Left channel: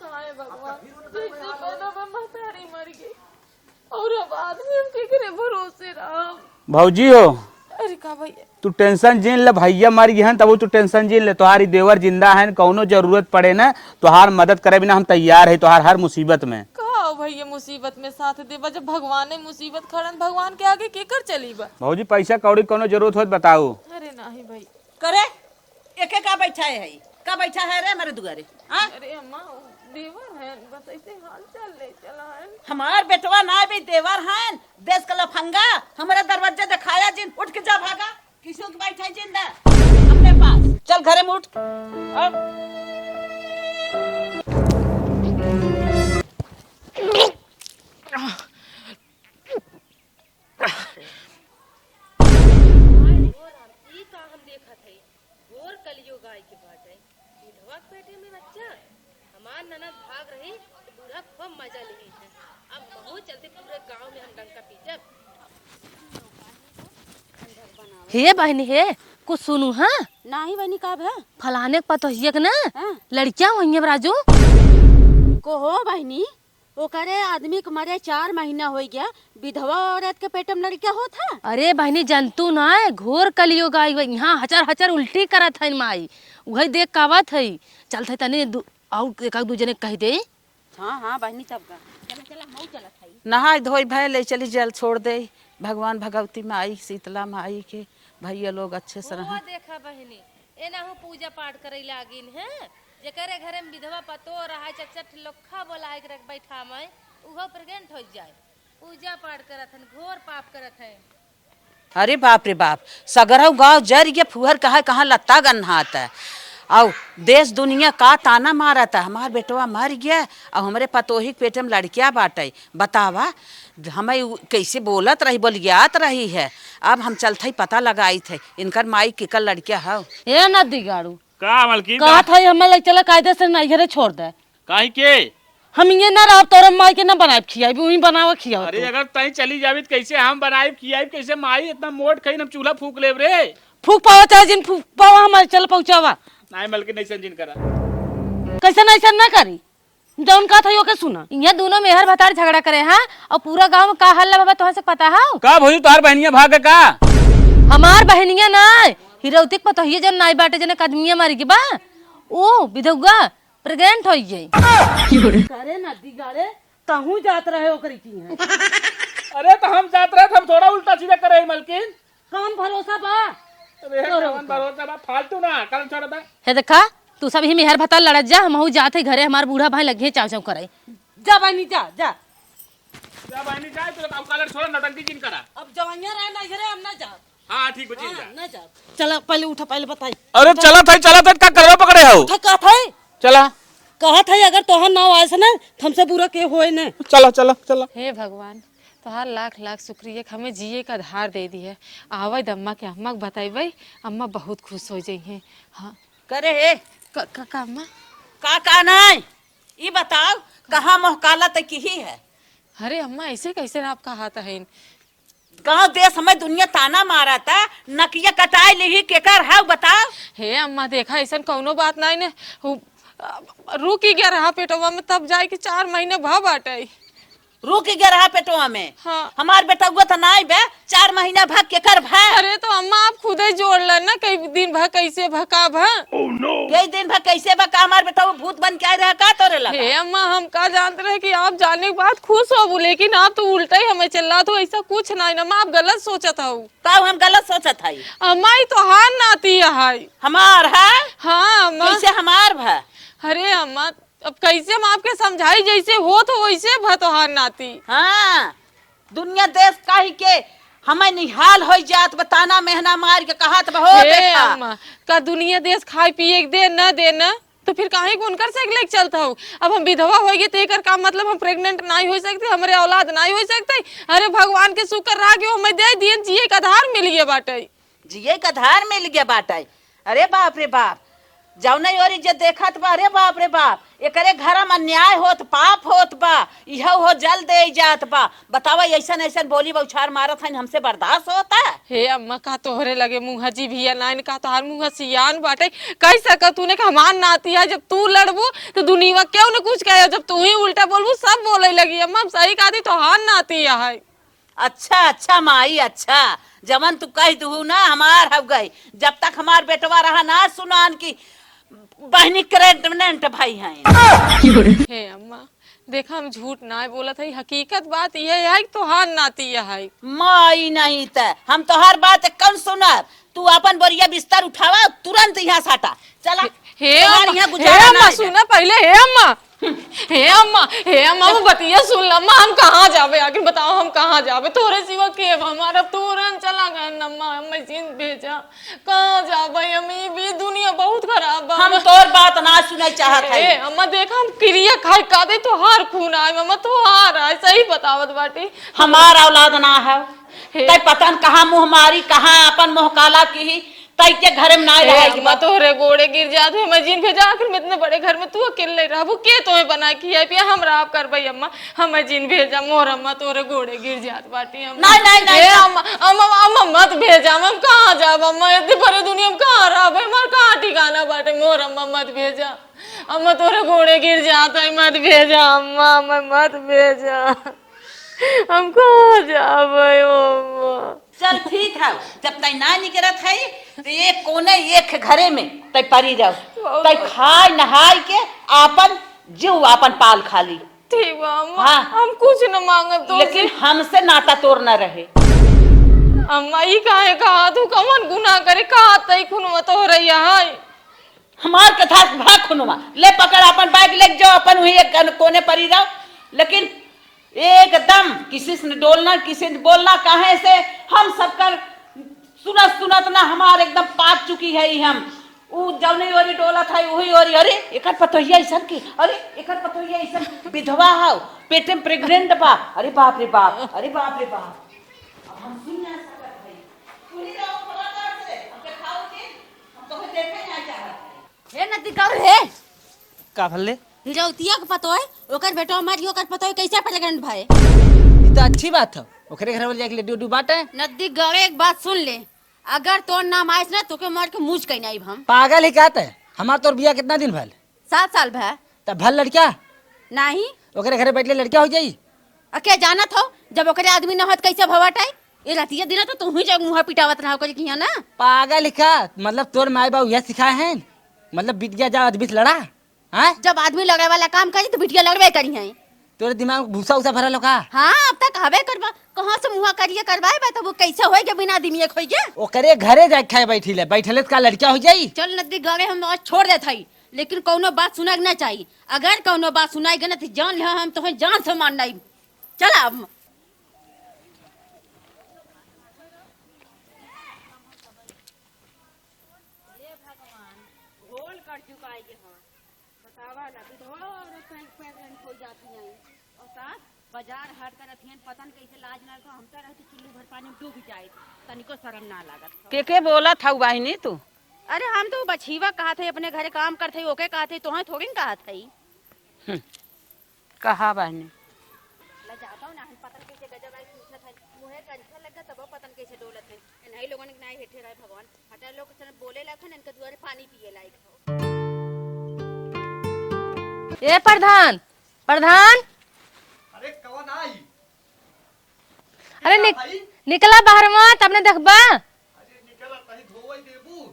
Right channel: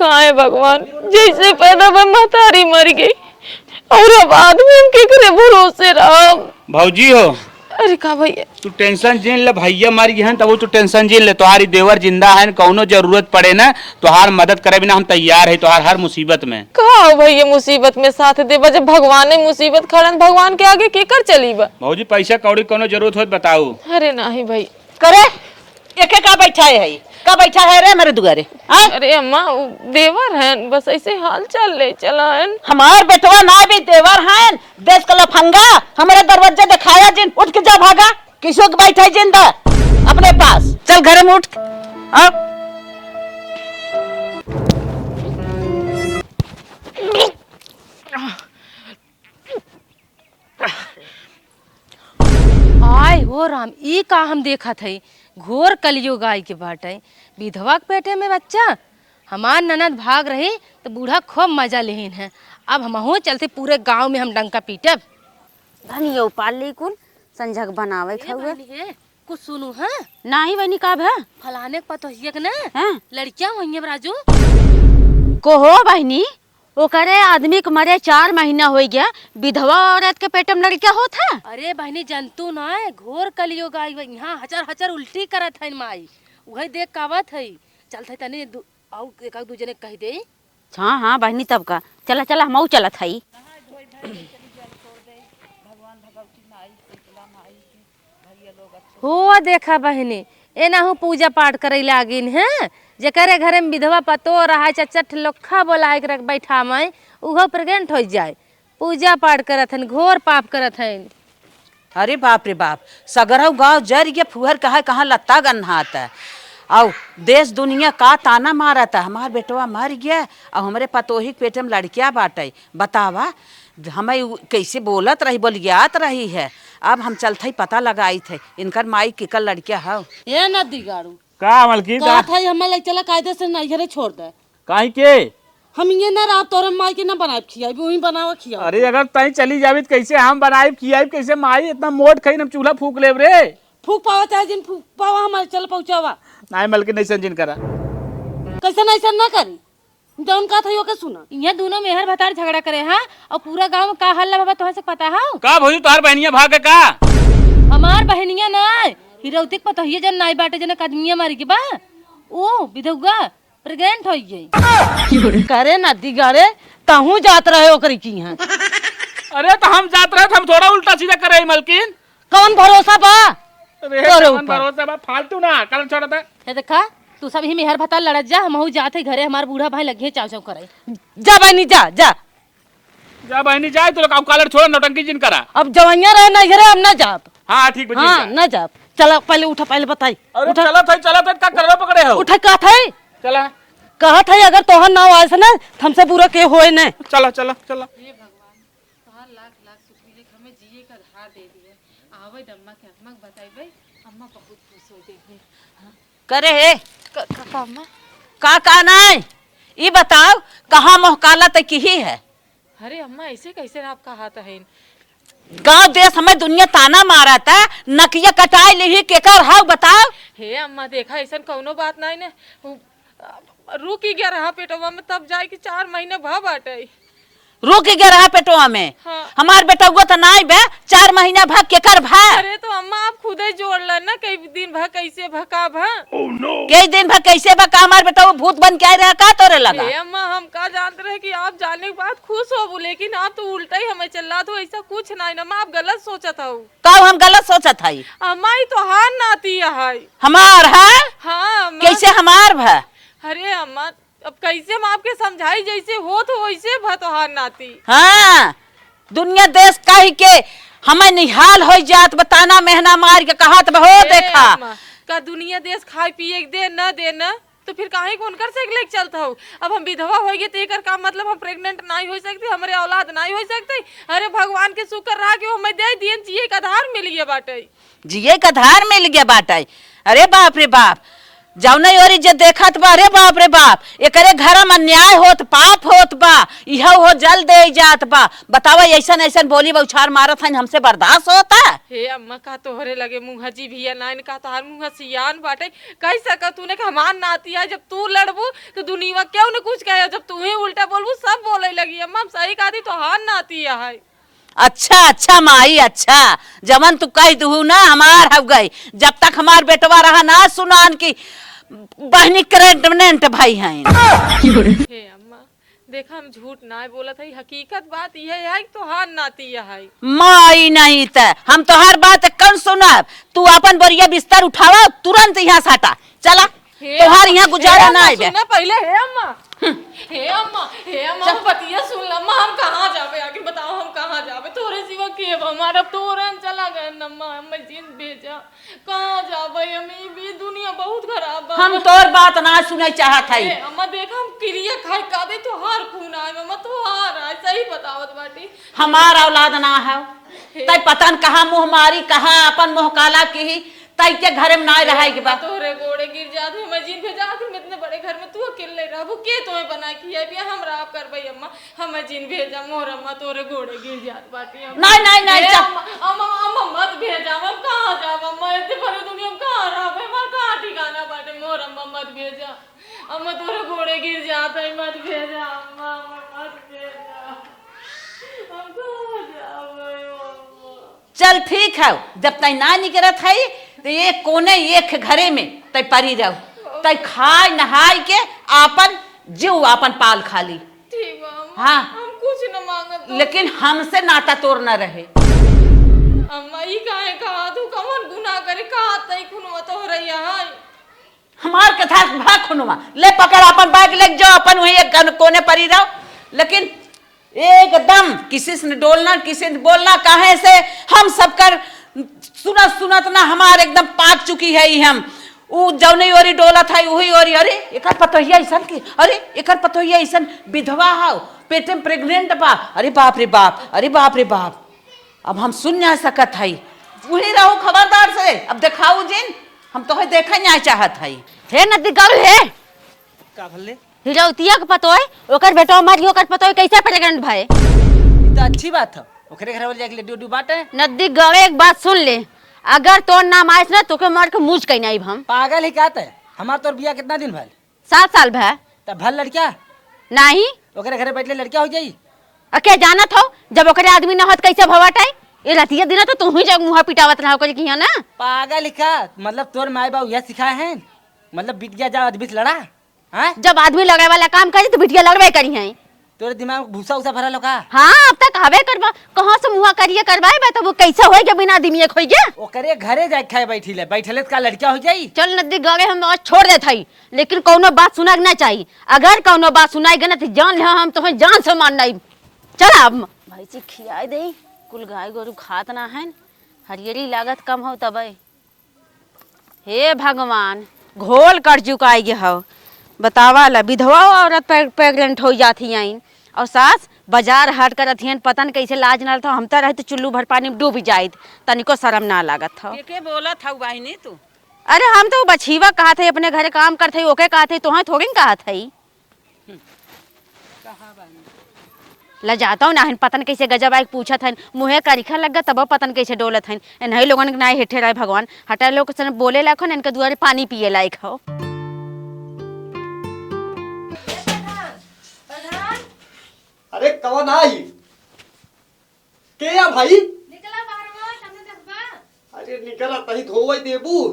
कहाँ है भगवान, जैसे पैदा में महतारी मर गई और अब आदमी हम के करे भरोसे रहा। भौजी हो, अरे का भैया तू टेंशन जिन ले, भैया मर गए हैं तब तू टेंशन जिन ले। तुम्हारी देवर जिंदा है, कौनो जरूरत पड़े ना तुहार मदद करे बिना हम तैयार है तुहार हर मुसीबत में। कहा भैया मुसीबत में साथ दे, जब भगवान ने मुसीबत खड़न भगवान के आगे केकर चली बा। भौजी पैसा कौड़ी कोनो जरूरत हो बताओ। अरे नहीं भाई करे एके का बैठा है का बैठा है रे मेरे दुआरे। अरे अम्मा देवर है, बस ऐसे हाल चाल ले चला है। हमार बेटवा ना भी देवर है, देश का लफंगा हमारे दरवाजा दिखाया जिन, उठ के जा भागा। किसो के बैठा है जिंदा अपने पास, चल घर में उठ। आय हो राम, ई का हम देखा थे घोर कलयुग आय के बाटे। विधवा के पेटे में बच्चा, हमार ननद भाग रही तो बूढ़ा खूब मजा लेहिन है। अब हम चलते पूरे गांव में हम डंका पीटब। धनियो पाली कुन संजग बनावे हे बहनी हे कुछ सुनू हाँ, नाही बनी का भे फलाने के पतोहिया के ना हैं? लड़कियां होंगे राजू को हो बहनी, वो करे आदमी के मरे 4 महीना हो गया, विधवा औरत के पेट में लड़का होत है। अरे बहनी जंतु ना घोर कलयुग आई, यहाँ हचर हचर उल्टी करत है माई, वही देख कावत है। चलते तने और एक दू जने कह दे। हाँ हाँ बहनी तब का चला चला हम चलत हई। नहाय धोई भय ले चली, जल छोड़ दे भगवान भगवती माई शीतला माई के भैया लोग अच्छे से हो देखा बहनी एनाहू पूजा पाठ करे लागिन है। जकरे घरे में विधवा पतो रहा चचा ठलोखा बोला के रख बैठा मैं उहो प्रेग्नेंट हो जाए, पूजा पाठ करत हन, घोर पाप करत हन। अरे बाप रे बाप, सगरव गाँव जर ये फुहर कहा कहाँ लत्ता गन्हाता है। और देश दुनिया का ताना मारा था, हमार बेटवा मर गया और हमारे पतोही पेट में लड़कियां बाटे। बतावा हमें कैसे बोलत रही, बोलियात रही है। अब हम चलते ही पता लगाई थे इनकर माई किकर लड़कियां हो। ये न दिगाड़ू का मलकी का था हमें लग चला कायदे से नहीं घरे छोड़ दे। काहे के? हम ये ना रह तोरे माई के ना बनाए खियाई, वही बनावा खिया। अरे अगर तई चली जावी तो कैसे हम बनाई खियाई, कैसे माई इतना मोट खाई हम चूल्हा फूक लेब रे। फूक पावा चाहे जिन फूक पावा हमारे चल पहुंचावा। नहीं मलकी नहीं संजिन करा, कैसे नहीं ना करी जौन का था यो के सुना। यहाँ दोनों मेहर भतार झगड़ा करे हाँ, और पूरा गांव में का हल्ला बाबा तुम्हें से पता है। का भौजी तुहार बहनिया भागे का? हमार बहनिया ना हिरौतिक पतो ही जन नाई बाटे जने कदमिया मारी के बा ओ विधवा प्रेग्नेंट हो गई। करे ना दिगाड़े कहूं जात रहे ओकरी की है। अरे तो हम जात रहे, हम थोड़ा उल्टा सीधा करे मलकिन। कौन भरोसा बा अरे कौन भरोसा बा, फालतू ना कल छोड़ता है। देखा तू सब ही मेहर भतार लड़त जा, हम जाते घरे हमार बूढ़ा भाई लगे चाव चाव करे। जा बहनी जा जा जा बहनी जाए तो लोग कालर छोड़ नौटंकी जिन करा। अब जवाइया रहे ना घरे हम ना जात। हाँ ठीक बजी हाँ ना जात। चला पहले उठा, पहले बताई। अरे चला था का करवा पकड़े हो। उठा का था चला कहा था अगर तोहर ना आए से ना हमसे पूरा के होए ना। चला चला चला। हे भगवान तोहार लाख लाख शुक्रिया कि हमें जिए का आधार दे दी है। आवे अम्मा के अम्मा बताइबे, अम्मा बहुत खुश हो जाई है। हाँ करे है अम्मा का नहीं ये बताओ कहाँ मोहकाला तक की ही है। अरे अम्मा ऐसे कैसे आप कहा था है? गांव देश हमें दुनिया ताना मारा था, नकिया कटाई ली केकर है बताओ। हे अम्मा देखा ऐसा कौनो बात नहीं ने, रुकी गया रहा पेटवा में तब जाए कि 4 महीने भा बाटे। रुक गया रहा पेटवा में। हाँ। हमार बेटा हुआ था नाई बे 4 महीना भाग के कर भा। अरे तो अम्मा आप खुद ही जोड़ ला ना, कई दिन भा कैसे भका भा। कई दिन भा कैसे भा का हमार बेटा वो भूत बन के आए रहा का तोरे लगा। हे अम्मा हम का जानते रहे कि आप जाने के बाद खुश हो, लेकिन आप तो उल्टा ही हमें चल तो ऐसा कुछ नहीं ना। आप गलत सोचा था। का हम गलत सोचा था। अम्मा ही तो हार नाती है हमार है। हाँ अम्मा। कैसे हमार भा? अरे अम्मा अब कैसे हम आपके समझाई, जैसे हो तो वैसे भतोहार नाती। हाँ दुनिया देश कह के हमें निहाल हो जात, बताना मेहना मार के कहा तो हो देखा का दुनिया देश खाए पिए दे न दे न तो फिर काहे को उनकर से लेके चलता हूँ। अब हम विधवा हो गए तो एकर का मतलब हम प्रेग्नेंट नहीं हो सकते, हमारे औलाद नहीं हो सकते। अरे भगवान के शुक्र रहा कि हमें दे दिए जिए का आधार मिल गया बाटे। जिए का आधार मिल गया बाटे। अरे बाप रे बाप, जौने ओरी जे देखत बा, अरे बाप रे बाप, एकरे घर में अन्याय होत, पाप होत बा, इह हो जल दे जात बा। बतावा ऐसन ऐसन बोली बौछार मारत हन, हमसे बर्दाश्त होता? हे अम्मा का तोहरे लगे मुँह जी भी है नाइन का तोहार मुँह सियान बाटे कह सका तूने का हमार नाती है जब तू लड़बू तो दुनिया क्यों न कुछ कहे जब तू ही उल्टा बोलबू सब बोले लगी अम्मा हम सही कहती तोहार नाती है। अच्छा अच्छा माई, अच्छा जमन तू कह दू ना हमार हो गई। जब तक हमार बेटवा रहा ना सुनान की बहनी प्रेग्नेंट भाई हैं। हे अम्मा देखा हम झूठ ना बोला था हकीकत बात यह है तोहार नाती है। माई नहीं त हम तो हर बात कौन सुनब। तू अपन बोरिया बिस्तर उठावा तुरंत यहाँ साटा चला। तोहार यहाँ गुजारा ना सुना पहले। हे अम्मा वो बतिया सुन ला अम्मा हम कहाँ जावे आखिर बताओ हम कहाँ जावे तोरे सिवा के हमारा तोरन चला गए अम्मा हमें जिन भेजा कहाँ जावे हम ये दुनिया बहुत खराब है। हम तोर बात ना सुने चाहत है। अम्मा देखा हम क्रिया खाए का दे तो हार खून आए अम्मा तो हार आए सही बतावत बाटे हमार औलाद ना है तै पता न कहाँ मुँह मारी कहाँ अपन मुँह काला की तै के घर में ना रहेगी। अम्मा तोरे गोड़े गिर जाते हैं मैं जिन भेजा आखिर में इतने बड़े घर में तू अकेले रहा वो के तोहे बना किया पिया हम राब कर भाई अम्मा हमें जिन भेजा मोर अम्मा तोरे गोड़े गिर जात बाटी अम्मा नहीं नहीं अम्मा अम्मा अम्मा मत भेजा मैं कहाँ जाब अम्मा इतनी बड़े दुनिया में कहाँ रहा भाई हमार कहाँ ठिकाना बाटे मोर अम्मा मत भेजा अम्मा तोरे घोड़े गिर जाता है मत भेजा अम्मा मैं मत भेजा हम कहाँ जाबे अम्मा। चल ठीक है जब तय ना निकलत है तो ये कोने एक घरे में तय परी जाओ तय खाए नहाय के आपन जीव आपन पाल खाली। ठीक बा अम्मा हाँ। हम कुछ न मांगब तो लेकिन हमसे नाता तोड़ न रहे। अम्मा ई काहे कहा तू कौन गुनाह करे कहा तई खुनवा तो हो रही है हमार कथा भाग खुनुआ ले पकड़ अपन बैग ले जाओ अपन वही एक कोने परी रहो। लेकिन एकदम किसी से डोलना किसी से बोलना काहे से हम सबकर सुनत सुनत ना हमार एकदम पाक चुकी है हम उ जौने ओरी डोला था वही ओरी अरे एकर पतोहिया ऐसन की अरे एकर पतोहिया ऐसन विधवा है पेट में प्रेग्नेंट बा। अरे बाप रे बाप अरे बाप रे बाप अब हम सुन ना सकत है वही रहो खबरदार से। अब दिखाऊ जिन हम तो देखा नहीं चाहत है। हे नदी गल है का भले हिरौतिया के पतो है ओकर बेटा मारी ओकर पतो है कैसे प्रेग्नेंट भाई। ये तो अच्छी बात है ओकरे घर वाले जाके लड्डू उड्डू बांटे। नदी गले एक बात सुन ले अगर तोर नाम आइस ना तोके मार के मुझ कहीं नहीं हम पागल है कहता है हमार तोर बिया कितना दिन भल 7 साल भै तब भल लड़का नहीं ओकरे घरे बैठले लड़का हो जाई। अके जाना था जब ओकरे आदमी ना होत कैसे भवाटाई ये रतिया दिन तो तू ही जग मुंह पिटावत रहा ओकर किया ना। पागल है का मतलब तोर माई बाबू यह सिखाए हैं मतलब बिट गया जा आदमी से लड़ा हाँ जब आदमी लगे वाला काम करी तो बिटिया लड़वे करी है। तोरे दिमाग में भूसा उसा भरल का। हाँ अब तक हवे करवा कहाँ से मुँह करिए करवाए बा तो वो कैसे होएगा बिना आदमी एक होएगा। ओकरे घरे जाके खाए बैठिले बैठले का लड़का हो जाई। चल नदी गए हम आज छोड़ देत हई लेकिन कौनो बात सुना ना चाहिए अगर कौनो बात सुनाएगा ना तो जान ले हम तो जान से मारना चल अब भाई जी खियाए दे कुल गाय गोरु खात ना है हरियरी लागत कम हो तब। हे भगवान घोल कर चुकाई गे हो बतावा ला विधवा औरत प्रेग्नेंट हो जाती आई और सास बाजार हाट कर अथियन पतन कैसे लाज ना था हम तो रहे तो चुल्लू भर पानी में डूब जायत तनिको शर्म ना लागत था। के बोला था बहनी तू। अरे हम तो बछीवा कहा थे अपने घरे काम करते ओके कहा थे तुहा थोड़ी न कहा थी कहा बहनी ल जाता हूँ ना पतन कैसे गजब आए पूछा था मुँहे करिखा लग गया तब पतन कैसे डोलत है नहीं लोगन ना हेठे रहे भगवान हटा लोग बोले लाखो न इनके दुआरे पानी पिए लायक हो। ए प्रधान प्रधान अरे कौन आई अरे क्या भाई निकला बाहर मत अपने देखबा। अरे निकला तही धोवई देबू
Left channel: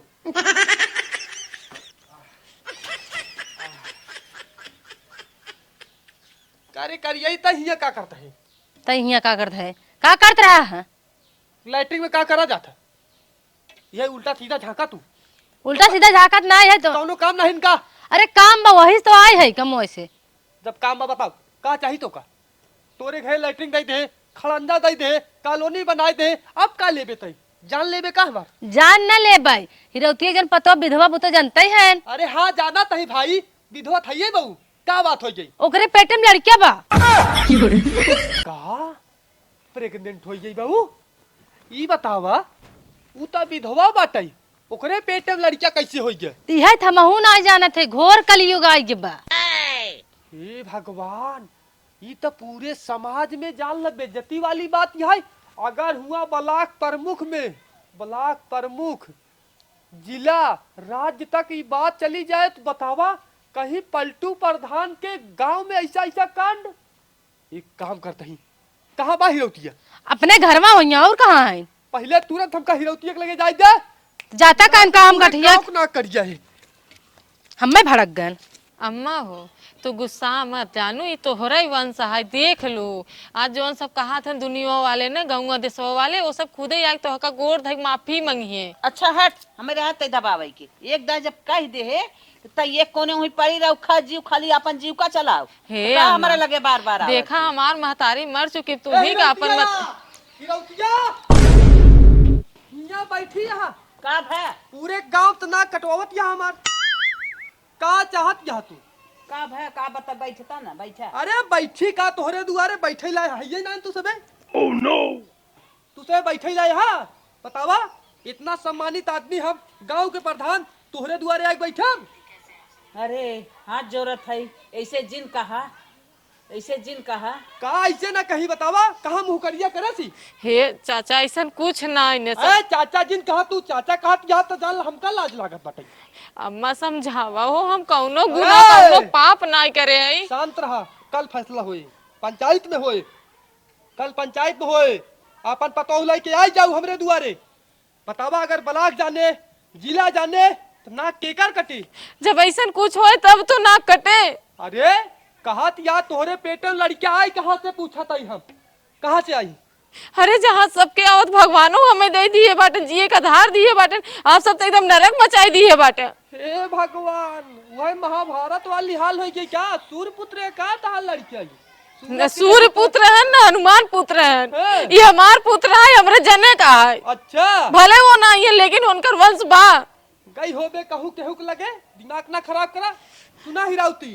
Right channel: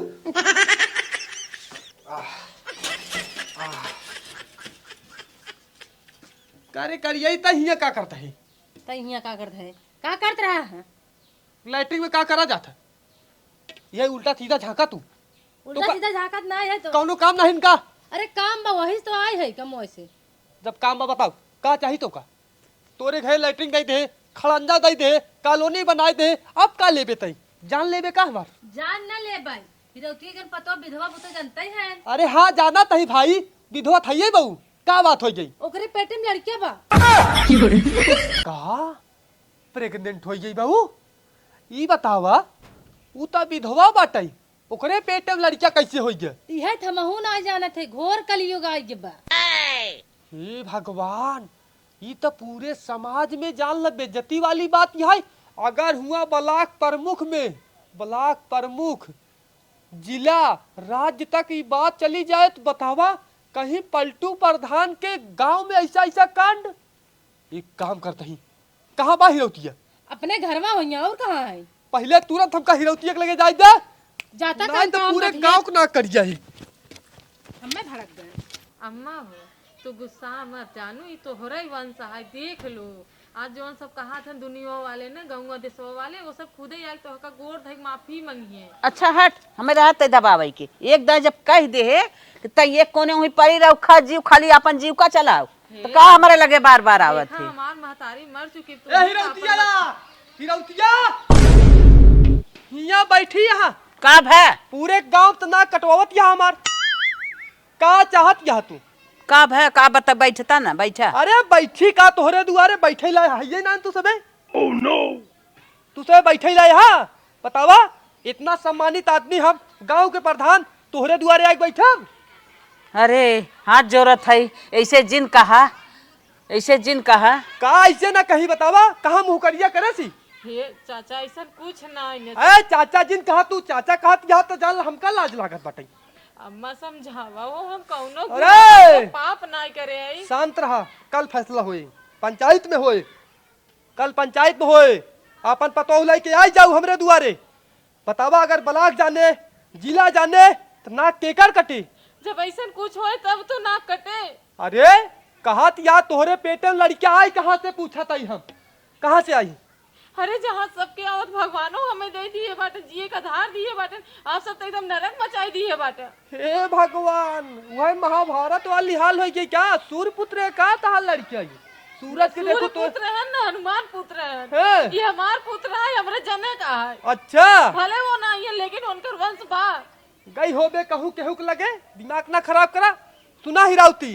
कार्य करिए त हिया का करता है तो यहाँ का करता है का करत रहा है लैट्रिन में का करा जाता ये उल्टा सीधा झाका तू उल्टा सीधा झाकत ना है तो कौनो काम नहीं इनका। अरे काम बा वही तो आए है कम से जब काम बा बताओ का चाहिए तो का तोरे घर लैट्रिन दई दे खड़ंजा दई दे कॉलोनी बनाए दे अब का लेबे तई जान लेबे का बा जान न ले भाई हिरौतिया जन पतो विधवा बुतो जानते ही है अरे हाँ जाना तही भाई विधवा थइए बहू का बात हो जाई ओकरे पेट में लड़किया बा का प्रेग्नेंट हो गई बहू ई बतावा ऊ त विधवा बाटई ओकरे पेट में लड़किया कैसे हो गया? तिहे थमहू ना जानत है घोर कलयुग आई के बा। हे भगवान, ये तो पूरे समाज में जान लग बेइज्जती वाली बात है। अगर हुआ ब्लॉक प्रमुख में, ब्लॉक प्रमुख जिला राज्य तक ये बात चली जाए तो बतावा कहीं पलटू प्रधान के गांव में ऐसा ऐसा कांड। एक काम करते ही, कहाँ बा हिरौतिया? अपने घर में होइया और कहाँ है? पहले तुरंत हमका हिरौतिया के लगे जाए दे। जाता कान काम पूरे कठिया गाँव को ना कर जाए। हमें भड़क गन। अम्मा हो तो गुस्सा मत जानू, ये तो हो रही वंश है। देख लो आज जौन सब कहा था दुनिया वाले ने, गाँव देशवा वाले, वो सब खुदे आके तो हका गोर धक माफी मांगी है। अच्छा हट, हमें रात दबावे के एक दाई जब कह दे है त ये कोने हुई पड़ी रहो, खा जीव खाली अपन जीव का चलाओ। हे तो का हमारे लगे बार बार आवत देखा है? हमार महतारी मर चुकी, तू ही का अपन हिरौतिया यहाँ बैठी यहाँ का है पूरे गांव तो ना कटवावत यहाँ हमार। का चाहत यहाँ तू? का है का बता बैठता ना बैठा। अरे बैठी का तोहरे दुआरे बैठे ला है ना तू सबे? ओह नो, तू सबे बैठे ला यहाँ बतावा? इतना सम्मानित आदमी हम गांव के प्रधान तोहरे दुआरे आके बैठम। अरे हाथ जोरत है, ऐसे जिन कहा, ऐसे जिन कहा। का ऐसे ना कहीं बतावा, कहाँ मुँह करिया करे सी? हे चाचा ऐसा कुछ ना इने ए चाचा जिन कहा तू चाचा कहत यहाँ तो जान हमका लाज लागत बाटे। अम्मा समझावा हो, हम कौनो गुनाह कौनो पाप नहीं करे हैं। शांत रहा, कल फैसला होए, पंचायत में होए, कल पंचायत में होए। अपन पतोह लेके आई जाऊ हमरे दुआरे। बतावा अगर ब्लॉक जाने जिला जाने तो नाक केकर कटी? जब ऐसा कुछ होए तब तो नाक कटे। अरे कहा या तोहरे पेटे में लड़कियां आई, कहाँ से पूछा था हम? कहाँ से आई? अरे जहाँ सबके आवत भगवानो हमें दे दिए बाटन, जिए का धार दिए बाटन, आप सब तो एकदम नरक मचाई दिए बाटन। हे भगवान, वह महाभारत वाली हाल है कि क्या? सूर्य पुत्र है का तहां लड़कियां आई? सूर्य पुत्र है ना हनुमान पुत्र है, हाँ। ये हमार पुत्र है, हमरे जने का है। अच्छा भले वो ना ये लेकिन उनकर वंश बा। गई होबे कहू केहू के लगे, दिमाग ना खराब करा। सुना हिरावती,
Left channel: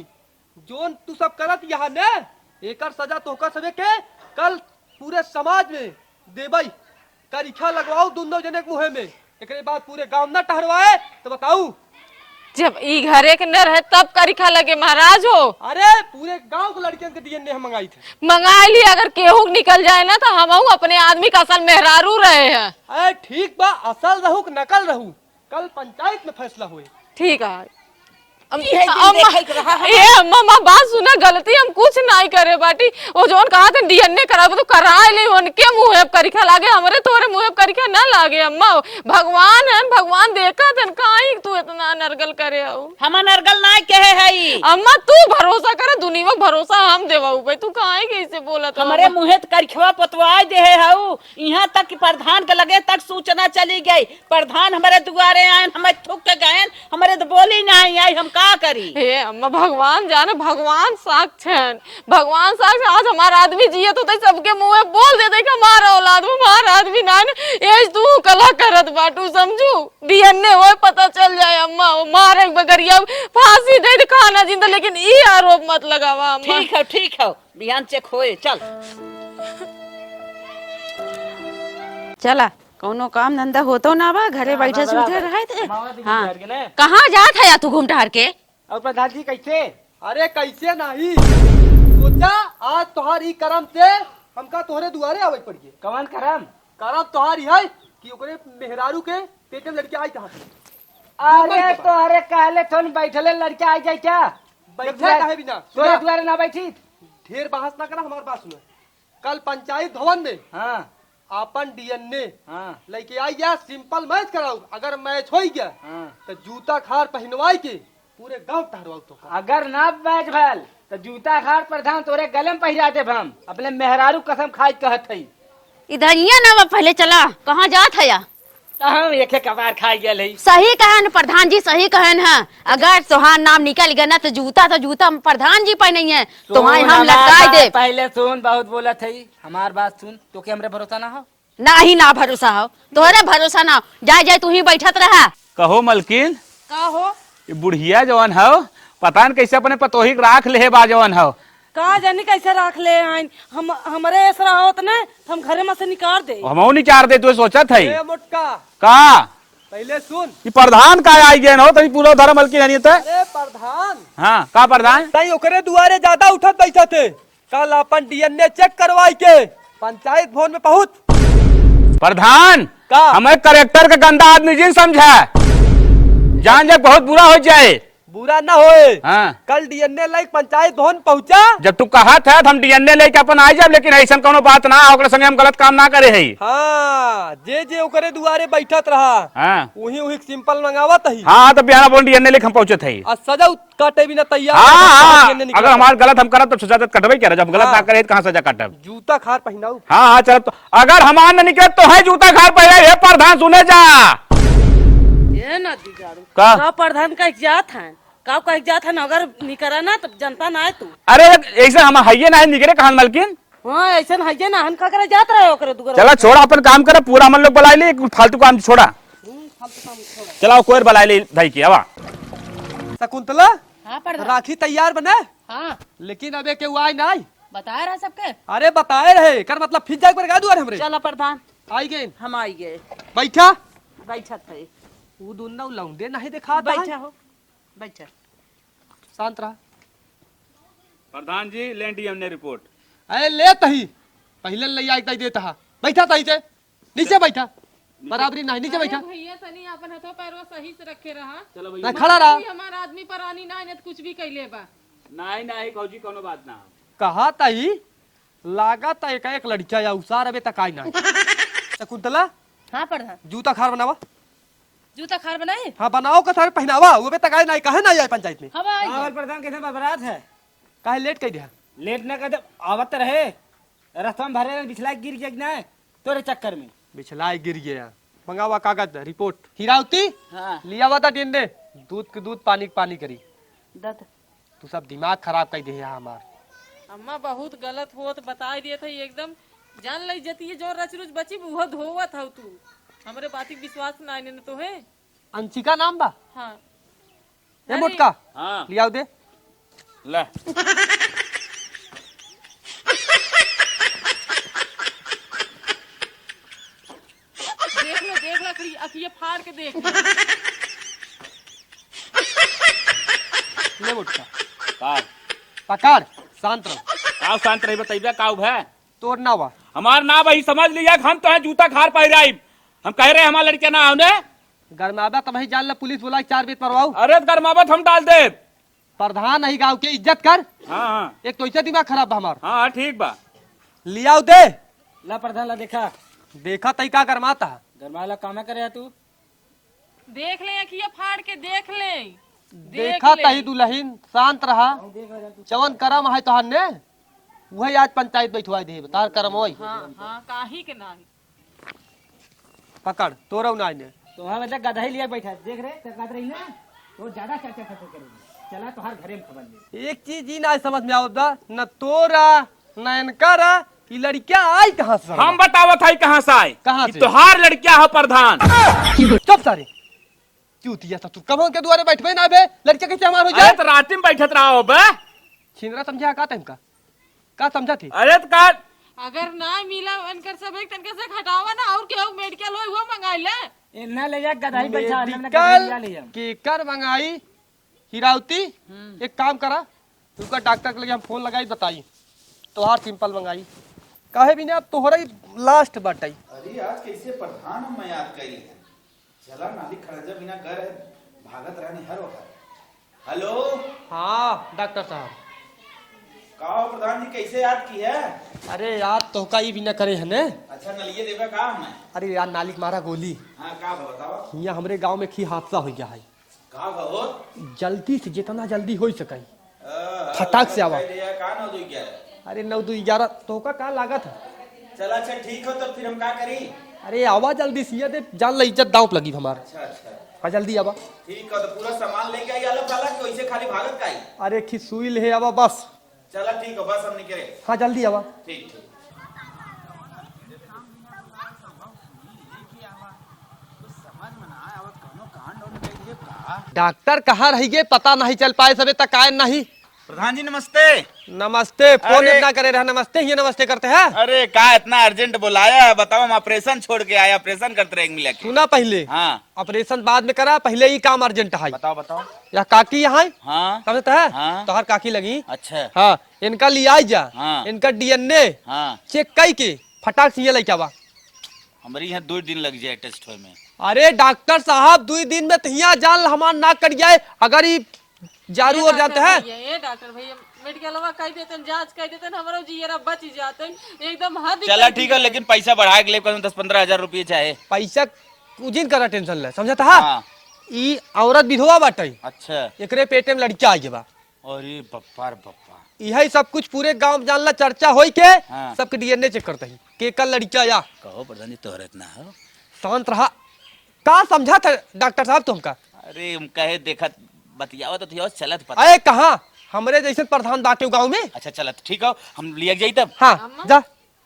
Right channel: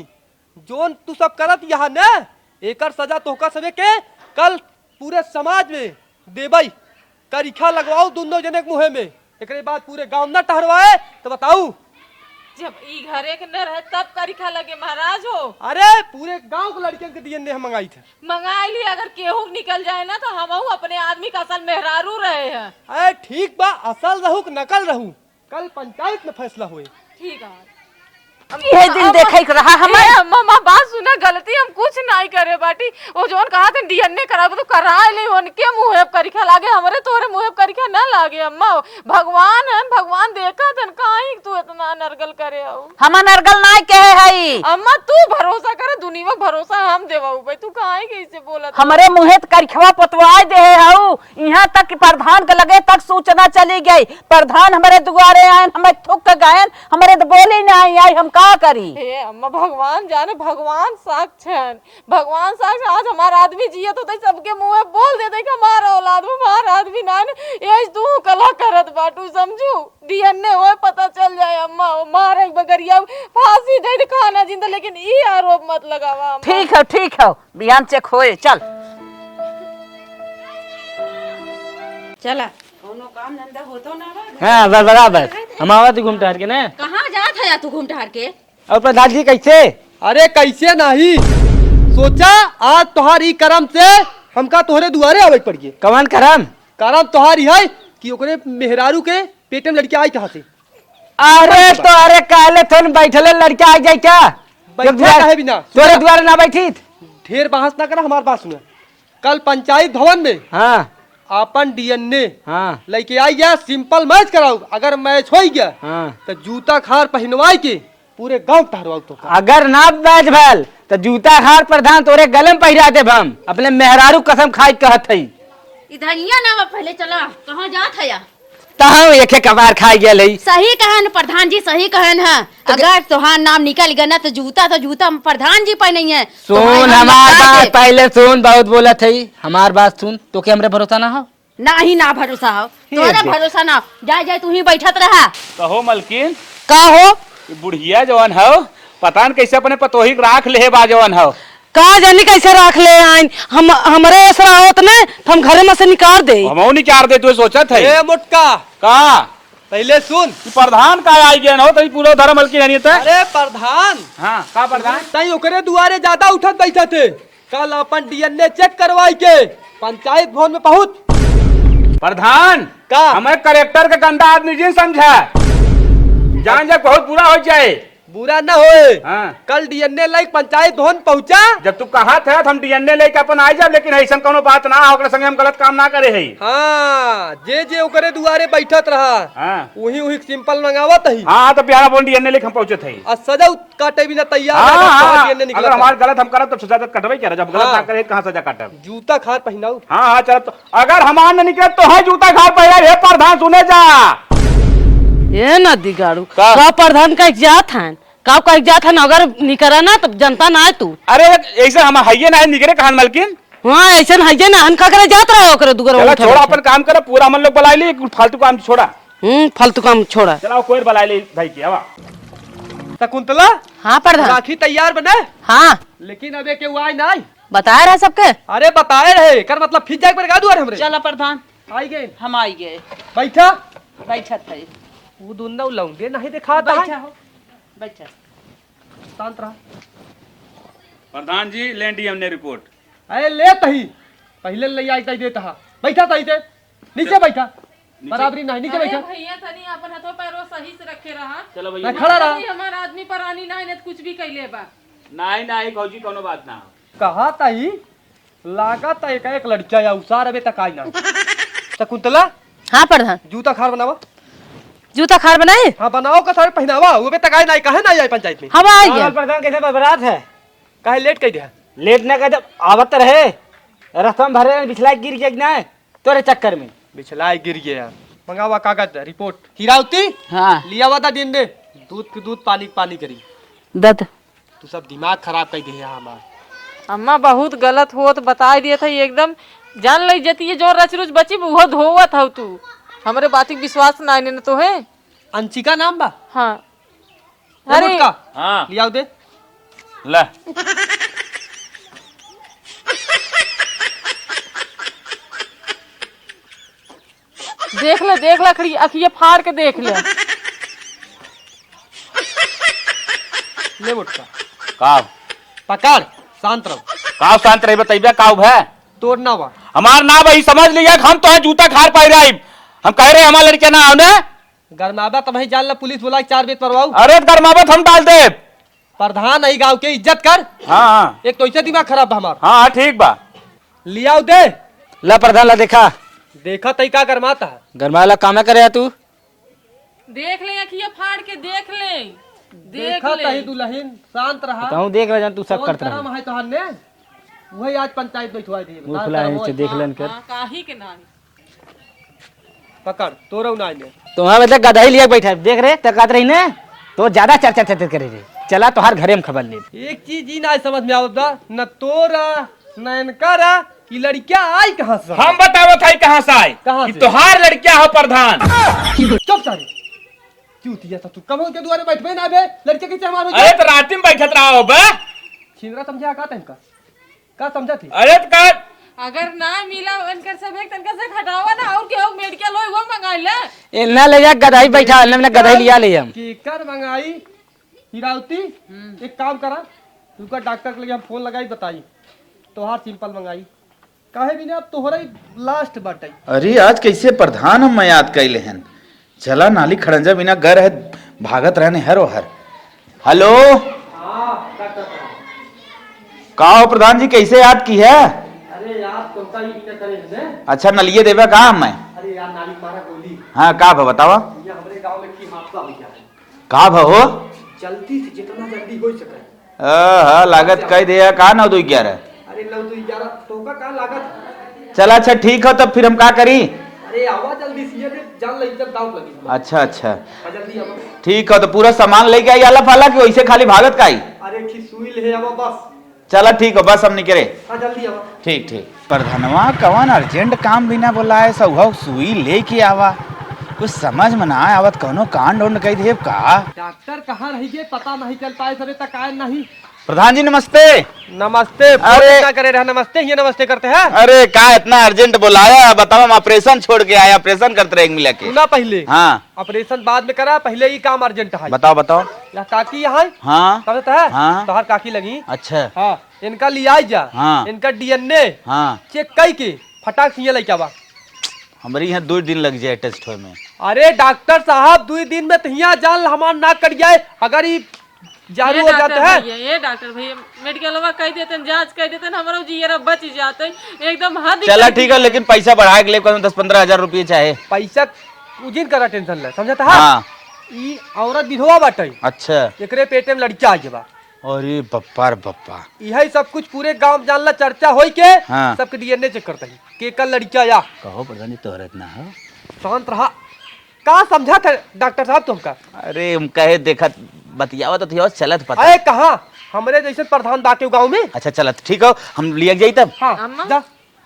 जोन तू सब करत यहाँ ने एकर सजा तोहका सबे के कल पूरे समाज में देबई। करीखा लगवाओ दोनों जने के मुँह में, एकरे बाद पूरे गांव न टहरवाए तो बताऊ। जब ई घरे के न रहे तब करिखा लगे महाराज हो। अरे पूरे गांव के लड़कियों के डीएनए हम मंगाई थे। मंगा ली, अगर केहू निकल जाए ना तो हम अपने आदमी का असल मेहरारू रहे हैं। अरे ठीक बा, असल रहू कि नकल रहू, कल पंचायत में फैसला हुए। ठीक है ये दिन देखे के रहा हमें। अम्मा बात सुना, गलती हम कुछ नहीं करे बाटी। वो जोन कहा था डीएनए कराबो तो कराए नहीं, उनके मुंह करिखा लागे, हमरे तोरे मुंह करिखा ना लागे। अम्मा भगवान है, भगवान देखा तन काई तू इतना नरगल करे आओ। हम नरगल ना कहे हई। अम्मा तू भरोसा कर, दुनिया में भरोसा हम देवाऊ भाई, तू काहे कैसे बोला? हमारे मुहे करखवा पतवाय दे हऊ, यहाँ तक कि प्रधान के लगे तक सूचना चली गई। प्रधान हमारे दुआरे आए, हमें थूक के गए, हमारे तो बोले नहीं आई, हम का करी? हे अम्मा भगवान जाने, भगवान साक्षात, भगवान साक्षात। आज हमारा आदमी जिया तो सबके मुंह में बोल देते कि हमारा औलाद हमारा आदमी ना एज तू कला करत बाटू समझू। डीएनए हो पता चल जाए अम्मा, वो मारे बगरिया फांसी दे खाना जिंदा, लेकिन ये आरोप मत लगावा अम्मा। ठीक है बिहान चेक होए। चल चला, कोनो काम धंधा होतो ना बा घर। हां बराबर हम आवत घूम टहर के ना। कहाँ जात है या तू घूम टहर के? और प्रधान जी कैसे? अरे कैसे नहीं, सोचा आज तोहार ई करम से हमका तोहरे दुआरे आवे पड़ गए। कवन करम? करम तोहार ही है कि ओकरे मेहरारू के पेट में लड़की आई कहाँ से? अरे तो अरे कहले थोन बैठले लड़का आ जाए क्या? बैठा काहे बिना? तोरे द्वारे ना बैठी? ढेर बहस ना करा, हमारी बात सुना। कल पंचायत भवन में हाँ अपन डीएनए हाँ लेके आई गया, सिंपल मैच कराओ। अगर मैच हो गया हाँ। तो जूता खार पहनवाई के पूरे गांव टहरवाओ। तो अगर ना बैच भल तो जूता खार प्रधान तोरे गलम पहिरा दे हम। अपने मेहरारू कसम खाई कहत हई। इधर यहाँ ना पहले चला, कहाँ जात है या? तहां एक कबार खाई गेल हई। सही कहन प्रधान जी, सही कहन है। अगर तोहार नाम निकल गया ना तो जूता प्रधान जी पहने है। सुन हमार बात पहले सुन, बहुत बोलत हई, हमार बात सुन। तो के हमरे भरोसा ना हो? नहीं ना भरोसा हो, तोरे भरोसा ना। जाए जाए तू ही बैठत रहा। कहो मलकिन का हो? ये बुढ़िया जवान हो, पता न कैसे अपने पतोही राख ले बा जवान हो। का जानी कैसे रख ले आइन, हम हमरे ऐसा होत ने हम घरे में से निकाल दे। हमऊ निचार दे, तू सोचा था ए मोटका का पहले सुन। कि प्रधान का आई गया ना हो तभी पूरा धर्म हल्की नहीं था। अरे प्रधान, हाँ का प्रधान? तई ओकरे दुआरे ज्यादा उठत बैठे थे। कल अपन डीएनए चेक करवाई के पंचायत भवन में पहुंच। प्रधान का? हमें करेक्टर का गंदा आदमी जी समझा, जान जब बहुत बुरा हो जाए। बुरा ना होए। हाँ। कल डीएनए लाइक पंचायत भवन पहुंचा। जब तू कहा था हम डीएनए लेके अपन आ जाब, लेकिन ऐसा कोनो बात ना ओकरे संगे हम गलत काम ना करे है। हाँ, जे ओकरे दुआरे बैठत रहा हाँ वही सिंपल मंगावत ही। हाँ तो बिहार बोल डीएनए लेके हम पहुंचे थे। और सजा काटे भी ना तैयार। हाँ DNA निकला अगर था। हमारा गलत हम करब तो सजा कटबे क्या, जब गलत हाँ। ना करे तो कहाँ सजा काटब? जूता खार पहनाऊ। हाँ हाँ चल, तो अगर हमार न निकले तो है जूता खार पहले। हे प्रधान सुने जा, ये न दिगाड़ू का? का प्रधान का जात हन का जात हन, अगर निकरा ना तो जनता ना है तू। अरे ऐसे हम हइये ना निकले कहां मलकिन। हाँ ऐसा है ना, हन का करे जात रहा ओकरे दुगर। चला छोड़ा अपन काम करे, पूरा हम लोग बुला ली, फालतू काम छोड़ा। फालतू काम छोड़ा। चलाओ कोई बुला ली भाई की। आवा शकुंतला, हाँ प्रधान। राखी तैयार बने। हाँ लेकिन अबे के आई नहीं। बताया रहा सबके। अरे बताए रहे कर मतलब फिर जाए पर गा दुआरे हमरे। चलो प्रधान, आई गए। हम आई गए। बैठा। बैठत है। वो दोनों लौंडे नहीं दिखाता है। बैठा हो, बैठा। शांत रहा। प्रधान जी ले डीएनए रिपोर्ट। अरे ले तही पहले ले आई तही देता। बैठा तही से नीचे बैठा। बराबरी नहीं, नीचे बैठा। भैया तनी अपन हाथों पैरों सही से रखे रहा। चलो भैया नहीं खड़ा रहा। हमारा आदमी परानी नहीं ने कुछ भी कैले बा। नहीं नहीं भौजी कोनो बात ना। कहा तही लागत है एक लड़का या उसार अबे तक आई ना। शकुंतला, हाँ प्रधान। जूता खार बनावा। जूता खार बनाए। हाँ बनाओ का सारे पहनावा। वो अबे तक आई नहीं, कहे नहीं आई पंचायत में। हम आई गए। प्रधान कैसे बरबाद है? कहे लेट कह दिया। लेट न कर, आवत रहे रस्तम भरे बिछला गिर गया ना तोरे चक्कर में। बिछलाए गिर गया। मंगावा कागज रिपोर्ट। हीरावती, हाँ लिया हुआ था दिन दे। दूध के दूध, पानी के पानी करी। दत तू सब दिमाग खराब कर दिया हमार। अम्मा बहुत गलत हो तो बता दिए थे एकदम। जान ली जती है जो रच रुच बची वो धोवत हो तू। हमरे बात विश्वास ना ने तो है। अंशिका नाम बा। हाँ रिपोर्ट का हाँ लिया दे। ला देख ले खड़ी अखिए फाड़ के देख ले। ले मुटका का पकड़। शांत रहो। का शांत रही बताइए का है? तोड़ना बा। हमार ना भाई समझ लिया हम तो है जूता खार पाई रही। हम कह रहे हमारे लड़के ना आओ ने। गरमाबा तब ही जान ला पुलिस बोला 4 बेत परवाऊ। अरे गरमावत हम डाल दे। प्रधान नहीं गांव के इज्जत कर। हाँ हाँ एक तो ऐसे दिमाग खराब बा हमार। हाँ ठीक बा। लिया दे। ला प्रधान ला देखा, देखा तई का गरमाता। गरमाला काम करे तू। देख ले अखिए फाड़ के देख ले। देखा तही दुल्हन। शांत रहा। कहूं देख रहा तू सब कौन करता करम है तोहर ने? वही आज पंचायत बैठवाई दे। मुंह फुला नीचे देख लेन कर। हाँ, काहे के ना। पकड़ तोरो ना ने। तुम्हारा मतलब गधा ही लिया बैठा है। देख रहे तकात रही ने तो ज्यादा चर्चा चर्चा करे रे। चला तो हर घरे में खबर ले। एक चीज ही ना समझ में आवत न तोरा न इनका कि लड़कियां आई कहां से। हम बतावत है कहाँ से आए। कहाँ कि से? तोहार लड़किया हो प्रधान। चुप सारे। चूतिया था तू कब के द्वारे बैठबे ना बे। लड़के कैसे हमार हो अरे जाए। तो रात में बैठत रहा हो बे। छिंदरा समझा का तनका का समझा थी। अरे तो का अगर ना मिला इनकर सब एक तनका से खटावा ना और केहू मेडिकल होय वो मंगा ले। इन्ना ले जा गधा ही बैठा ने गधा ही लिया ले हम। के कर मंगाई। हीरावती एक काम करा, उनका डॉक्टर के लिए हम फोन लगाई बताई तोहार सिंपल मंगाई। काहे भी ना अब तोहरा ही लास्ट बटाई। अरे आज कैसे प्रधान हम याद कैले हन। चला नाली खड़ंजा बिना घर है भागत रहने हरो हर। हेलो हाँ डॉक्टर साहब। का हो प्रधान जी कैसे याद की है? अरे यार तो का ही भी ना करे है ने। अच्छा नलिये देवे का मैं। अरे यार नाली मारा गोली। हाँ का भा बतावा। यहाँ हमरे गांव में की हादसा हो गया है। का भा हो? जल्दी से जितना जल्दी हो सके। हाँ लागत कह दिया का 9-2-11। अरे 9-2-11 तो का लागत है। चला अच्छा ठीक हो तब फिर हम का करी। अरे आवा जल्दी से ये जान ला इज्जत दांव लगी हमारी। अच्छा अच्छा आ जल्दी आवा। ठीक हो तो पूरा सामान लेके आई आला फाला कि वैसे खाली भागत का आई। अरे की सुई ले आवा बस। चला ठीक हो बस हम निकले। हाँ जल्दी आवा। ठीक ठीक। प्रधानवा कवन अर्जेंट काम भी ना बोला है सौ सुई लेके आवा। कुछ समझ में ना आवत कौनो कांड उंड कह दे का। डॉक्टर कहाँ रह गए पता नहीं चल पाए सबे तक आए नहीं। प्रधान जी नमस्ते। नमस्ते। अरे क्या करे रहे नमस्ते, ये नमस्ते करते हैं। अरे क्या इतना अर्जेंट बुलाया, बताओ। हम ऑपरेशन छोड़ के आए, ऑपरेशन करते रहे मिला के। ना पहले हाँ ऑपरेशन बाद में करा, पहले ही काम अर्जेंट है। बताओ बताओ। या काकी यहाँ हाँ करता है। हाँ। तो हर काकी लगी। अच्छा हाँ इनका लिया जा। हाँ। इनका डीएनए हाँ चेक कई के फटाक से लेके आवा। हमारे यहाँ 2 दिन लग जाए टेस्ट होए में। अरे डॉक्टर साहब 2 दिन में तहिया जान हमार नाक कट जाए अगर ये जारू हो जाता है। ये डॉक्टर भैया मेडिकलवा कह देते जांच कह देते हमारा जियरा बच जाते एकदम हद ही चला कर ठीक है, लेकिन पैसा बढ़ा के ले 10-15 हजार रुपये चाहे। पैसा उजिन करा टेंशन ले, समझता है। हाँ। ई औरत विधवा बाटे। अच्छा। एकरे पेटे में लड़का आ गया। अरे बप्पा रे बप्पा। यही सब कुछ पूरे गांव जानला चर्चा होई के। हाँ। सबके डीएनए चेक करता है कि कल लड़का या। कहो प्रधान जी तोहरे इतना है। शांत रहा। का समझा था डॉक्टर साहब तुमका? अरे हम कहे देखा बतियावा तो थी चलत पता। अरे कहा हमरे जैसे प्रधान बाटे गांव में। अच्छा चलत ठीक हो, हम लिया जाई तब। हाँ जा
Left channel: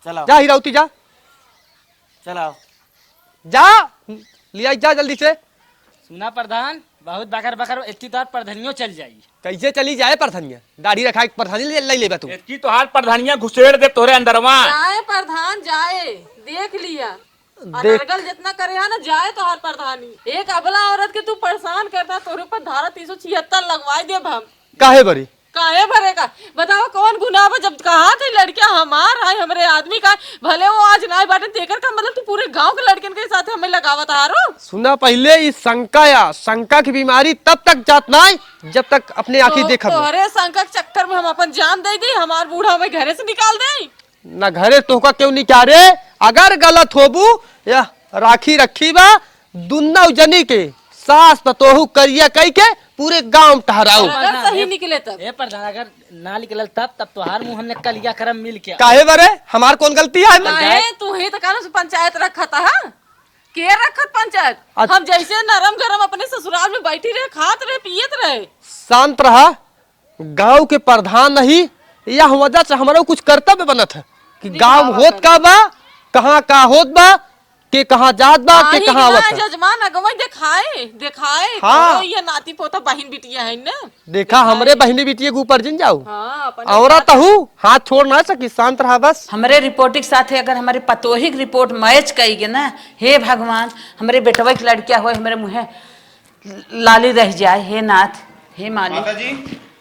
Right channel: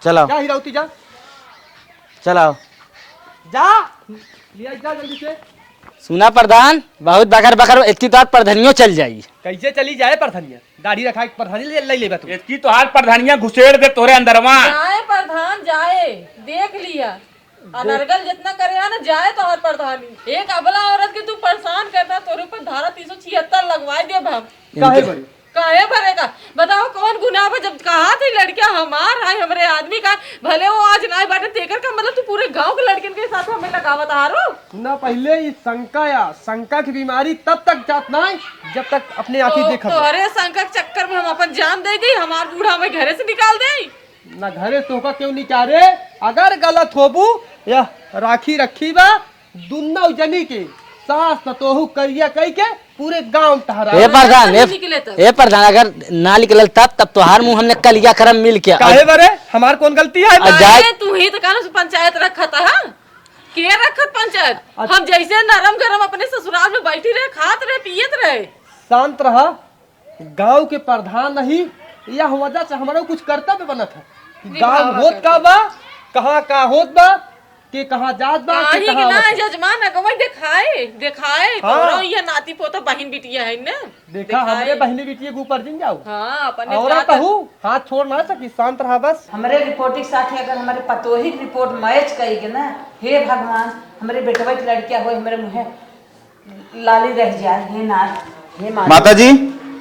चलो जा हीरावती जा चलाओ जा लिया जा जल्दी से। सुना प्रधान, बहुत बकर बकर इतनी तो प्रधानियों चल जाई। कैसे चली जाए प्रधानिया? गाड़ी रखा के प्रधानी ले ले तू। इसकी तो हाथ प्रधानिया घुसेड़ दे तोरे अंदरवा। जाए प्रधान जाए, देख लिया अनर्गल जितना करे है ना जाए तो हर प्रधानी। एक अबला औरत के तू परेशान करता, तोरे ऊपर धारा 376 लगवाए दे हम। काहे बरी? काहे भरेगा बताओ, कौन गुनाह बा? जब कहा थी लड़कियां हमार है हमरे आदमी का, भले वो आज ना बाटे तेकर का मतलब तू पूरे गांव के लड़किन के साथ हमें लगावत हारो। सुना पहले इस शंका की बीमारी तब तक जात ना जब तक अपने आंखें देखा। तोहरे शंका के चक्कर में हम अपन जान दे दी, हमार बूढ़ा हमें घरे से निकाल दे। ना घरे तोहका क्यों निकाले? अगर गलत होबू या राखी रखी बा दुन्ना उजनी के सास पतोहू करिया कई के पूरे गांव टहरा। ए प्रधान, निकले तब। ए प्रधान, अगर ना निकलल तब तो हार मुंह हमने कलिया करम मिल के। काहे बरे हमार कौन गलती है? अरे तू ही तो कहना पंचायत रखा था। हाँ? के रखत पंचायत? हम जैसे नरम गरम अपने ससुराल में बैठी रहे, खात रहे, पियत रहे। शांत रहा। गांव के प्रधान नहीं यह वजह से हमारा कुछ कर्तव्य बनत है कि गांव होत का बा, कहाँ का होत बा, के कहाँ जात बा, के कहाँ आवत बा। जजमान अगवा दिखाए हाँ। ये नाती पोता बहन बिटिया है ना। देखा हमरे बहनी बिटिया के ऊपर जिन जाऊ। हाँ, अपन औरत हूँ हाथ छोड़ ना सकी। शांत रहा बस। हमारे रिपोर्ट के साथ अगर हमारे पतोही की रिपोर्ट मैच करेगी ना, हे भगवान हमारे बेटवा की लड़कियां हो, हमारे मुँह लाली रह जाए। हे नाथ, हे माता जी।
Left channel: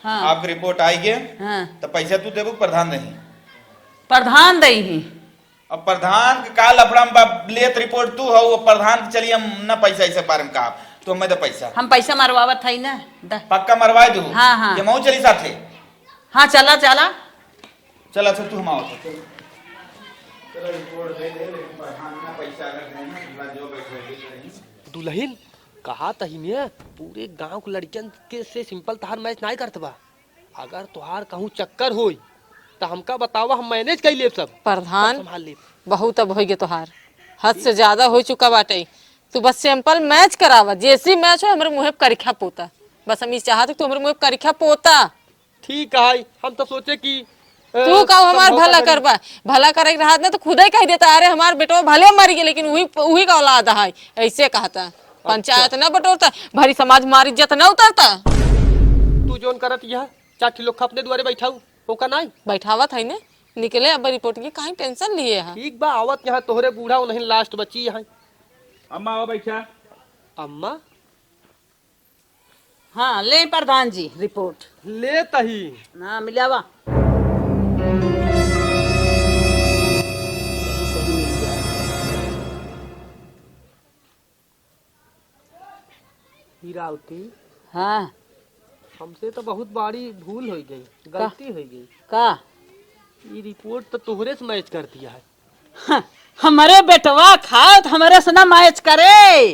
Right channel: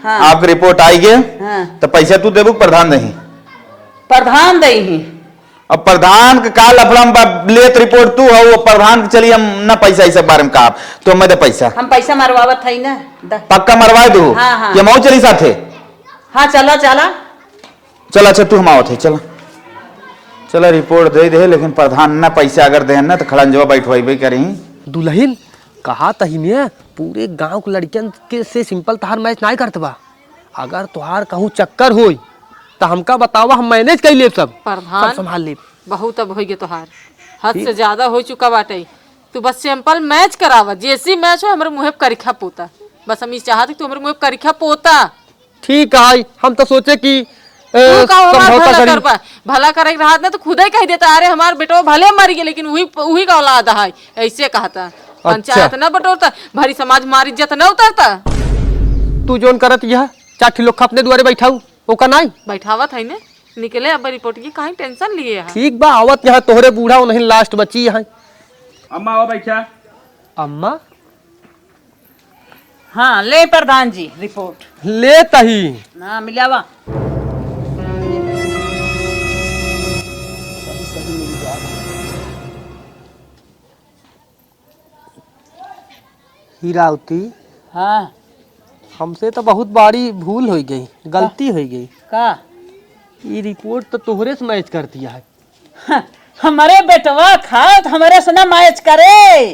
हाँ। आपकी रिपोर्ट आई गए। हाँ। तो पैसा तू देबू प्रधान नहीं। प्रधान दई ही। अब प्रधान के काल अपना लेत रिपोर्ट तू हो, वो प्रधान के चली हम ना पैसा इस बारे में कहा तो मैं दे पैसा। हम पैसा मरवावत है ना। पक्का मरवा दू। हाँ, हाँ। ये मऊ चली साथे। हाँ चला चला चल अच्छा तू हम आवत है। चला चला रिपोर्ट दे दे, लेकिन प्रधान ना पैसा अगर दे ना तो खड़ंजवा बैठवाई करी। दुल्हन कहा तहीने पूरे गांव के लड़कियन के से सिंपल तहार मैच नहीं करत बा। अगर तुहार कहूँ चक्कर होई तो हमका बतावा, हम मैनेज कर ले सब प्रधान संभाल ले। बहुत अब हो गया तोहार, हद से ज्यादा हो चुका बाटे। तू बस सिंपल मैच करावा, जैसी मैच हो हमारे मुँह करिखा पोता। बस हम इस चाहते तू हमारे मुँह करिखा पोता। ठीक है, हम तो सोचे कि तू का हमार समझौता भला करी। कर पा, भला करे रहा ना तो खुद ही कह देता, अरे हमार बेटो भले मर गए लेकिन वही का औलाद है, ऐसे कहता। पंचायत ना बटोरता, भरी समाज मार इज्जत ना उतारता। तू जोन करत यह चाठी लोग अपने द्वारे बैठाऊ ओका नहीं बैठावत है ने निकले। अब रिपोर्ट की काहे टेंशन लिए है? ठीक बा आवत यहाँ तोहरे बूढ़ा नहीं लास्ट बची यहाँ। अम्मा आओ बैठा। अम्मा हाँ ले प्रधान जी रिपोर्ट ले तही ना मिलावा। हीरावती, हाँ हमसे तो बहुत बड़ी भूल हो गई, गलती हो गई। का ये रिपोर्ट तो तोहरे से मैच कर दिया है। हाँ, हमारे बेटवा खाए तो हमारे से ना मैच करे।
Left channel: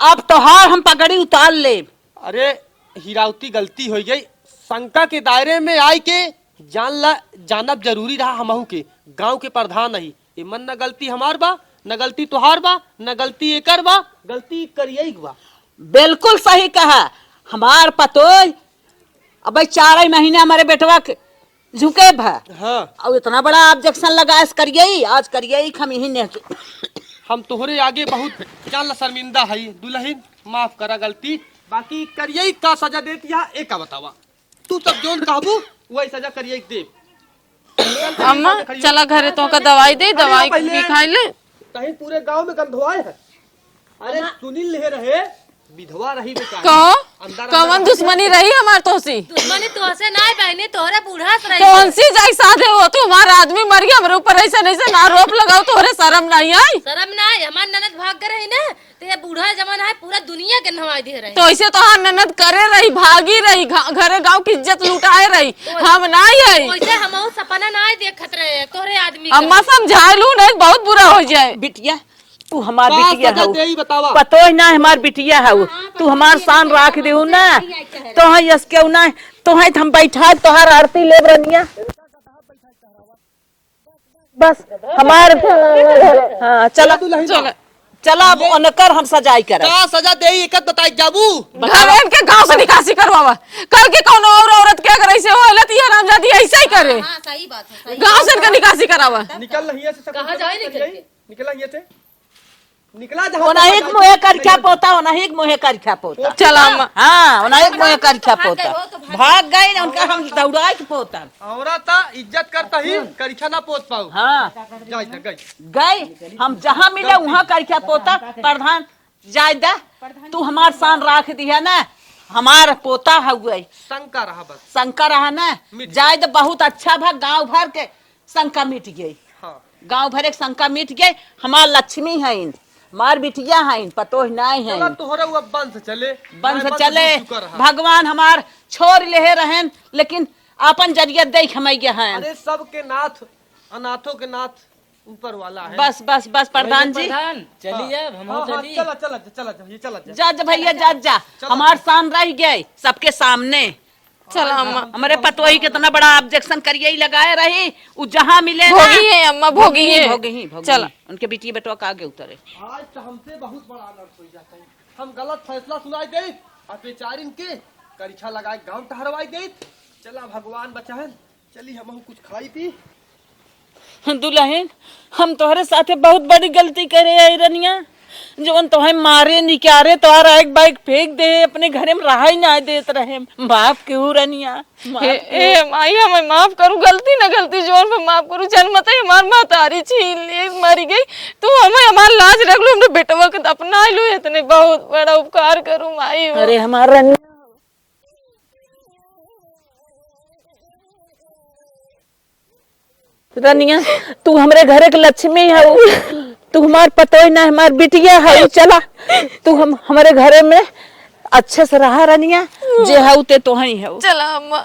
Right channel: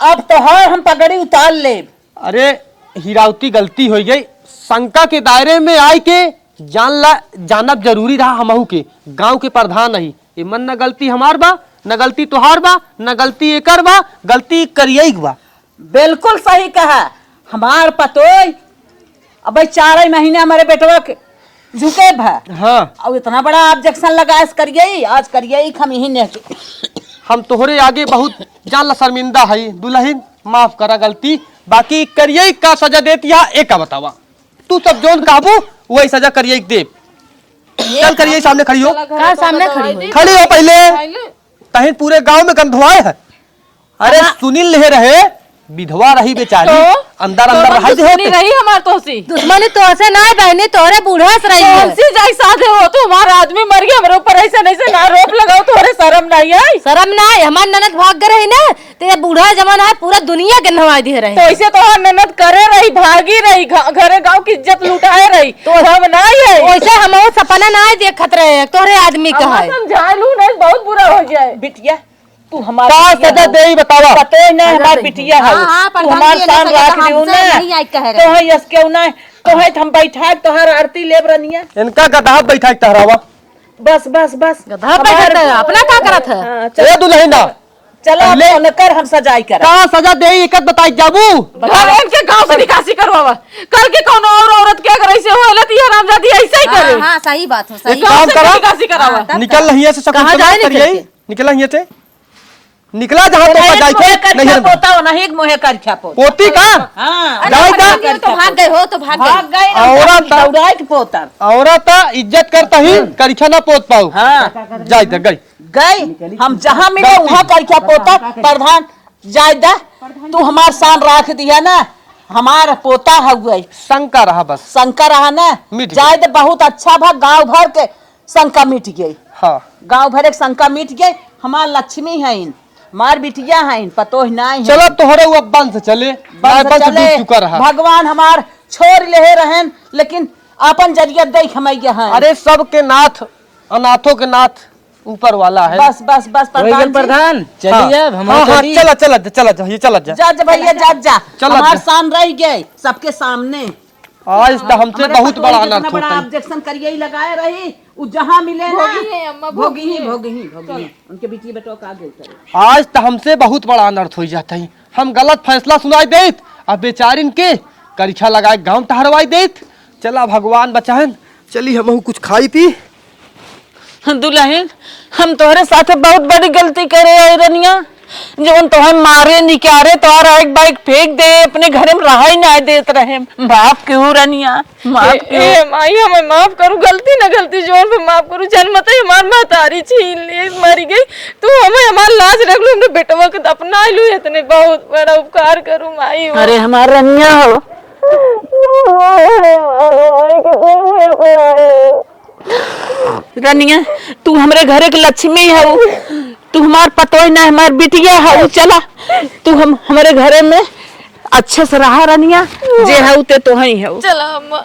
अब तो हार हम पगड़ी उतार ले। अरे हीरावती गलती हो गई, शंका के दायरे में आए के जानब जरूरी रहा। हमहू के गांव के प्रधान नहीं ये मन न गलती हमार बा, न गलती तुहार बा, न गलती एकर बा, गलती करिए बा। बिल्कुल सही कहा। हमार पतोय अब 4 महीने हमारे बेटवा के झुके भा। हाँ अब इतना बड़ा ऑब्जेक्शन लगा करिए आज करिए हम यही नहीं। हम तोहरे आगे बहुत जान शर्मिंदा है। दुल्हन माफ करा गलती, बाकी करिए का सजा देती है एक बतावा। तू सब जोन काबू वही सजा करिए दे। चल करिए सामने खड़ी हो। चला घर तो का दवाई दे। खड़ी हो दवाई पहले। खाई ले। तहिन पूरे गांव में गंधवाए है। अरे सुनील ले रहे विधवा रही बेचारी अंदर अंदर रही दुश्मनी रही हमार तोसी। दुश्मनी तो से ना बहनी तोरे बूढ़ा से रही कौन सी जाई साधे हो तू हमारा आदमी मर गया हमरे ऊपर ऐसा नहीं से ना रोप लगाओ तोरे शर्म नहीं आई। शर्म ना है हमार ननद भाग गए रही ना तो ये बूढ़ा जमाना है पूरा दुनिया के नवाई दे रहे। तो ऐसे तो हम मेहनत करे रही भागी रही घरे गांव की इज्जत लुटाए रही तो हम नहीं है वैसे हम सपना ना देखत रहे तोरे आदमी का अम्मा समझा लू नहीं बहुत बुरा हो जाए। बिटिया तू हमार का सजा दे ही बतावा। पतो ही ना हमार बिटिया है तू हमार साथ राख दियो ना तो है इसके ना तो है हम बैठा तोहार आरती लेब रनिया इनका गधा बैठा टहरावा। बस बस बस अपना क्या करत है। चला दुल्हन चला फोन कर हम सजाई कर का सजा दे ही एकत बताई जाबू। घर के गांव से निकासी करवावा कल के कौन और औरत के अगर ऐसे होलत ये हरामजादी ऐसे ही करे। हां सही बात है सही। गांव से निकासी करावा निकल रही है से सब कहाँ कुछ जाए करिए निकल रही है से निकला जहां तक जाई के नहीं पोता नहीं मोहे कर छापो पोती का हां जाई तो भाग गए हो तो भाग गए औरत दौड़ाई के पोता औरत इज्जत करता ही करिछा ना पोत पाऊ। हां जाई दे गई गई हम जहां मिले वहां कर क्या पोता प्रधान जाय दे तू हमार शान राख दिया ना हमार पोता हुए शंका रहा बस शंका रहा ना मिट जाय दे बहुत अच्छा भा गांव भर के शंका मिट गई। हां गांव भर के शंका मिट गई हमार लक्ष्मी है मार बिटिया है पतो ही नहीं है। चलो तोहरे वो बंद से चले बस चले चुका रहा। भगवान हमार छोड़ ले रहन लेकिन अपन जरिया देख हमैया हैं। अरे सबके नाथ अनाथों के नाथ ऊपर वाला है। बस बस बस प्रधान जी। प्रधान चलिए अब हम हाँ चला चला चला जा ये चला जा जज भैया जज जा चलो हमार जा। शान रह गए सबके सामने। आज तो हमसे हमारे बहुत पतोही बड़ा कितना अनाथ बड़ा होता है। ऑब्जेक्शन करिए ही लगाए रही उ जहां मिले ना भोगी है अम्मा भोगी है। भोगी चला उनके बेटी बेटो का आगे उतरे। आज तो हमसे बहुत बड़ा अनर्थ हो जाता है। हम गलत फैसला सुनाई देत अब बेचारिन के करिछा लगाए गांव टहरवाई देत। चला भगवान बचाहन चली हम कुछ खाई पी। दुल्हन हम तोहरे साथे बहुत बड़ी गलती करे है रनिया जोन तोहे मारे निकारे तोहरा एक बाइक फेंक दे अपने घर में रहा ही ना देत रहे बाप क्यों रनिया माफ क्यों। माई हमें माफ करू गलती ना गलती जोर पे माफ करू जन्मत ही हमार महतारी छीन ली मरी गई तू हमें हमार लाज रख लो हमने बेटवा के अपना लू इतने बहुत बड़ा उपकार करू माई। अरे हमारा रनिया हो रनिया तू हमरे घरे के लक्ष्मी है तू हमार पतोही ना हमार बिटिया है चला तू हमारे घरे में अच्छे से रहा रनिया जे है ते तो ही है। चला अम्मा